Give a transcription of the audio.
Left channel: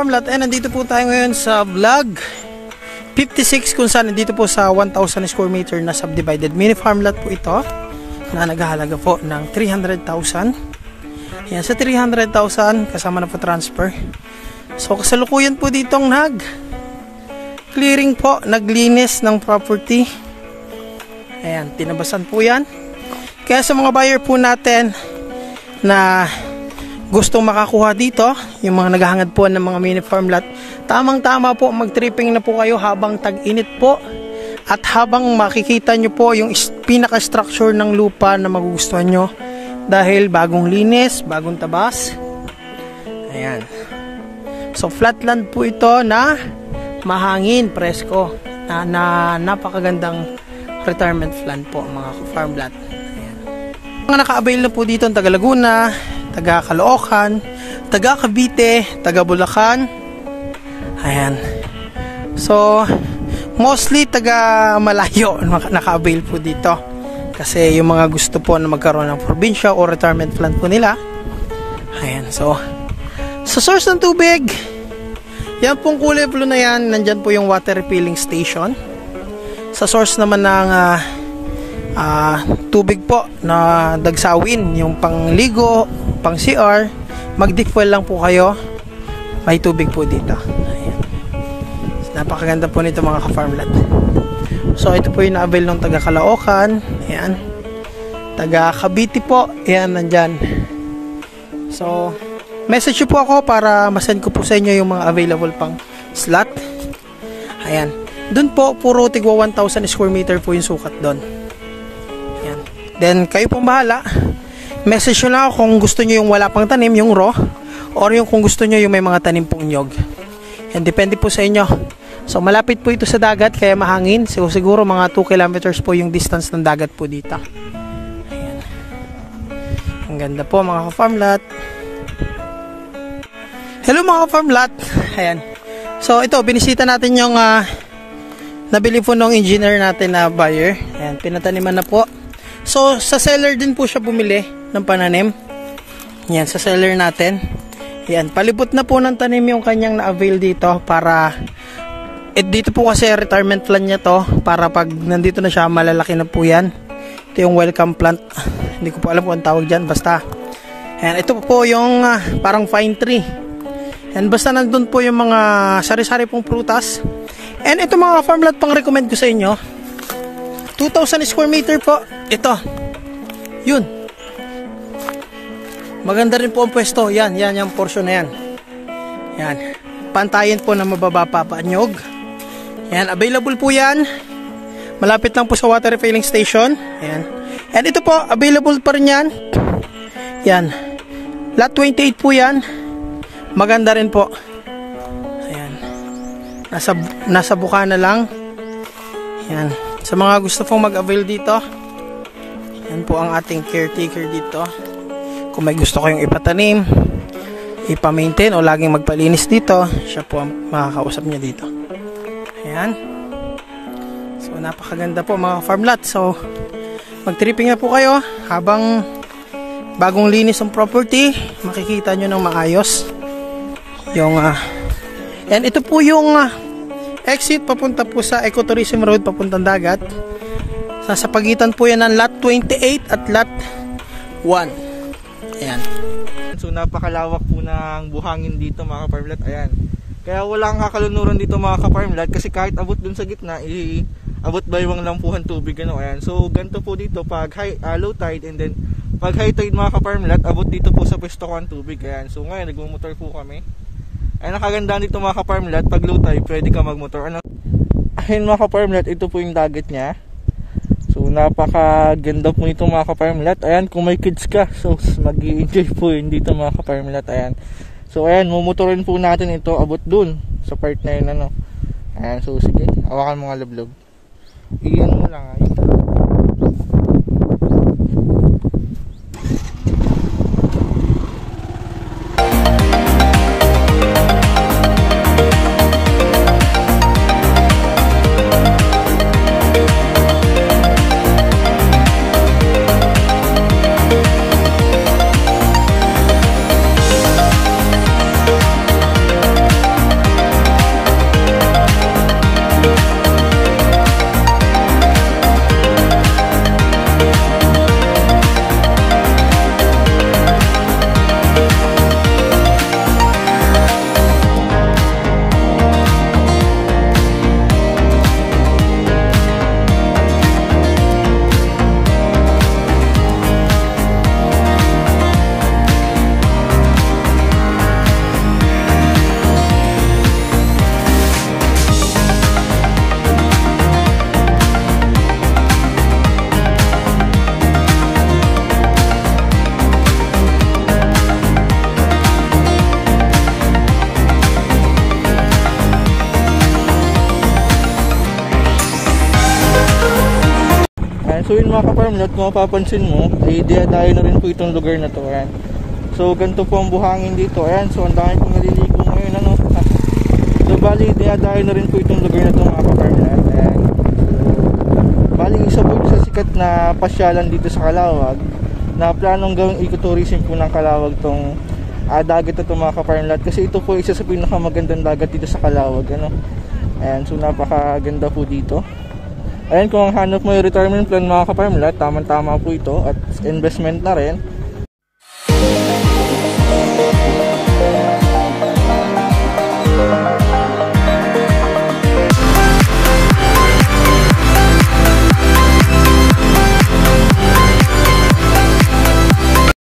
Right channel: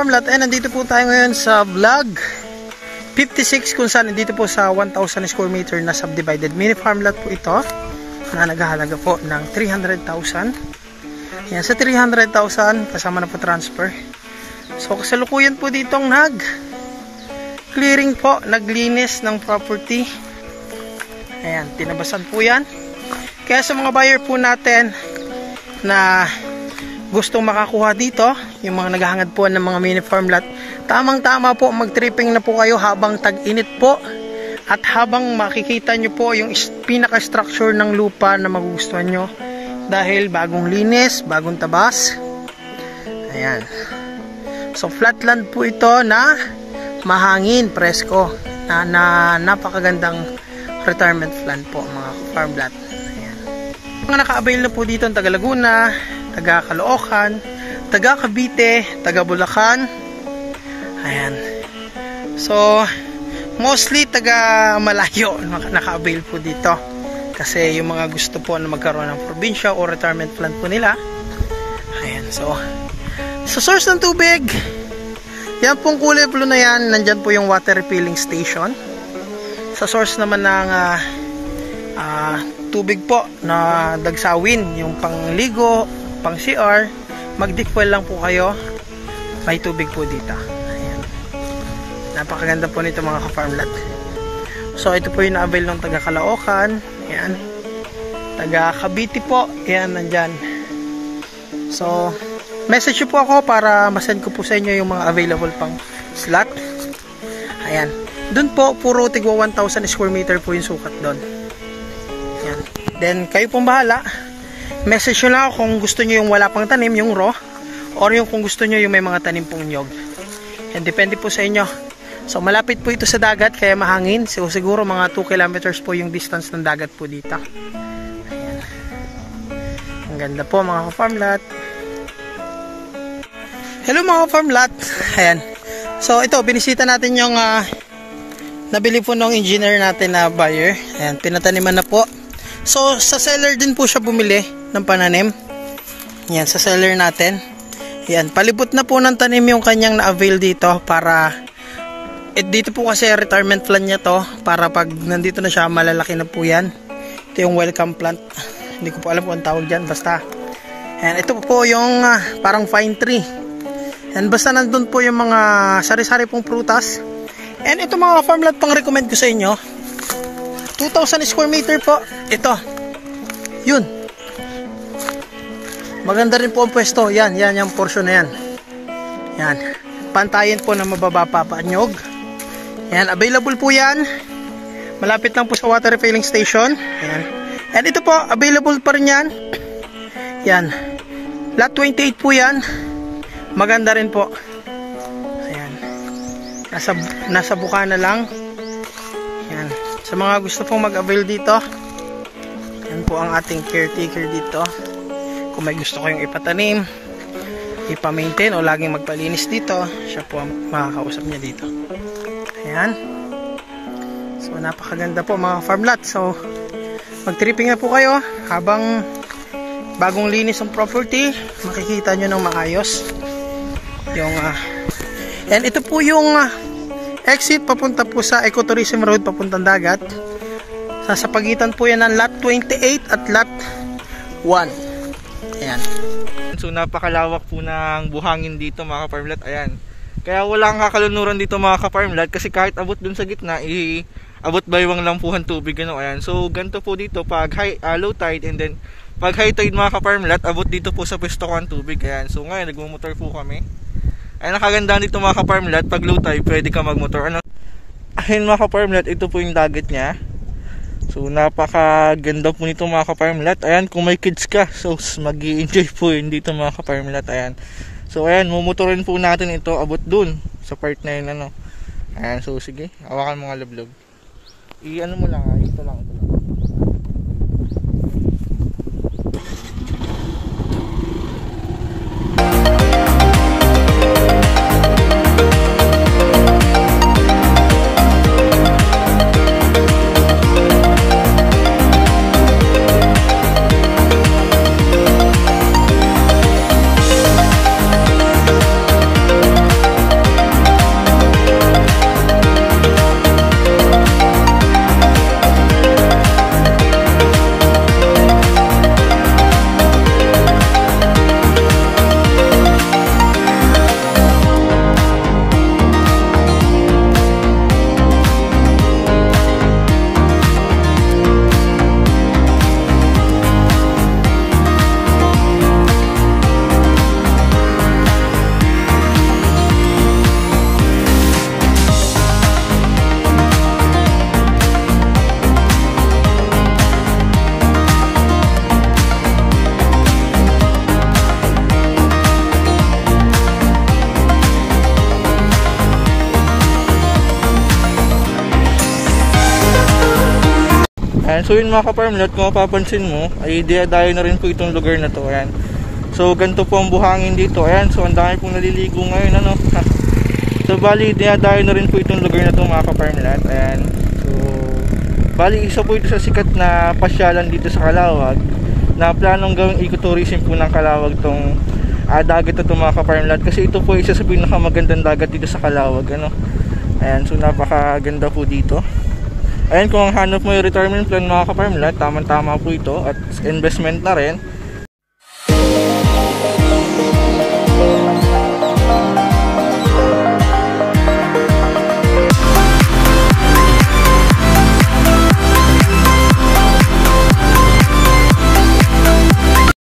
ka-farm lot, nandito po tayo ngayon sa vlog 56 kung saan nandito po sa 1,000 square meter na subdivided mini farm lot po ito na naghahalaga po ng 300,000. Yan, sa 300,000 kasama na po transfer. So kasalukuyan po ditong clearing po, naglinis ng property. Ayan, tinabasan po yan. Kaya sa mga buyer po natin na gustong makakuha dito, yung mga naghahangad po ng mga mini farm lot, tamang-tama po, mag-tripping na po kayo habang tag-init po at habang makikita nyo po yung pinaka-structure ng lupa na magugustuhan nyo dahil bagong linis, bagong tabas. Ayan. So flatland po ito na mahangin, presko, na napakagandang retirement plan po mga farm lot. Ayan. Mga naka-avail na po dito ang taga Laguna, taga Caloocan, taga Cavite, taga Bulacan. Ayan. So, mostly taga malayo naka-avail po dito. Kasi yung mga gusto po na magkaroon ng probinsya o retirement plan po nila. Ayan. So, sa source ng tubig, yan pong kulay blue na yan, nandyan po yung water refilling station. Sa source naman ng tubig po na dagsawin, yung pangligo, pang CR, mag-deep well lang po kayo, may tubig po dito. Ayan. Napakaganda po nito mga ka-farm lot. So ito po yung na-avail ng taga Caloocan. Ayan. Taga Cavite po, ayan, nandyan. So message po ako para masend ko po sa inyo yung mga available pang slot. Ayan. Doon po, puro tigwa 1,000 square meter po yung sukat doon. Ayan. Then kayo pong bahala. Message nyo lang kung gusto nyo yung wala pang tanim, yung raw, or yung kung gusto nyo yung may mga tanim pong nyog. Yan, depende po sa inyo. So malapit po ito sa dagat kaya mahangin. So siguro mga 2 kilometers po yung distance ng dagat po dito. Ayan. Ang ganda po mga ka-farm lot. Hello mga ka-farm lot. Ayan. So ito, binisita natin yung nabili po ng engineer natin na buyer. Ayan, pinataniman na po. So sa seller din po siya bumili ng pananim. Yan, sa seller natin. Yan, palibot na po ng tanim yung kanyang na-avail dito para dito po kasi retirement plan niya to para pag nandito na siya malalaki na po yan. Ito yung welcome plant. Hindi ko po alam kung ang tawag dyan, basta. Yan, ito po yung parang fine tree. Yan, basta nandun po yung mga sari-sari pong prutas. And ito mga farm lot pang recommend ko sa inyo. 2,000 square meter po. Ito. Yun. Maganda rin po ang pwesto. Yan, yung portion na yan. Yan. Pantayin po na mababa pa nyog. Yan, available po yan. Malapit lang po sa water refilling station. Yan. And ito po, available pa rin yan. Yan. Lot 28 po yan. Maganda rin po. Ayan. Nasa Bukana lang. Yan. Sa mga gusto pong mag-avail dito, yan po ang ating caretaker dito. Kung may gusto kayong ipatanim, ipa-maintain o laging magpalinis dito, siya po ang makakausap niya dito. Ayan. So napakaganda po mga farm lot. So mag-tripping na po kayo habang bagong linis ang property, makikita nyo ng maayos yung and ito po yung exit papunta po sa Ecotourism Road papuntang dagat. Sa pagitan po yan ng lot 28 at lot 1. Ayan. So napakalawak po ng buhangin dito mga ka-farm lot. Ayan. Kaya walang kakalunuran dito mga ka-farm lot kasi kahit abot dun sa gitna, abot baywang lang po ang tubig. Ano? Ayan. So ganito po dito pag low tide and then pag high tide mga ka-farm lot, abot dito po sa pwesto ko ang tubig. Ayan. So ngayon nagmumotor po kami. Ayan, nakagandaan dito mga ka-farm lot, pag low tide pwede ka magmotor. Ano? Ayan mga ka-farm lot, ito po yung dagat niya. So napakaganda po nito mga ka-farm lot. Ayan, kung may kids ka, so mag-i-enjoy po yun dito mga ka-farm lot. Ayan. So ayan, mumotorin po natin ito abot dun sa part na yun. Ano. Ayan, so sige, hawakan mo nga lablog. Iyan mo lang ay. Ayan, so yun mga ka-farmlet, kung mapapansin mo, ay dinadayo na rin po itong lugar na to. Ayan. So ganito po ang buhangin dito. Ayan, so ang dami pong naliligo ngayon, ano. So bali, dinadayo na rin po itong lugar na to mga ka-farmlet. Ayan. So bali, isa po ito sa sikat na pasyalan dito sa Calawag, na planong gawing ecotourism po ng Calawag tong dagat na ito mga ka-farmlet, kasi ito po isa sa pinakamagandang dagat dito sa Calawag, ano. Ayan, so napakaganda po dito. Ayan, kung ang hanap mo yung retirement plan mga ka-farmlet, tamang-tama po ito at investment na rin.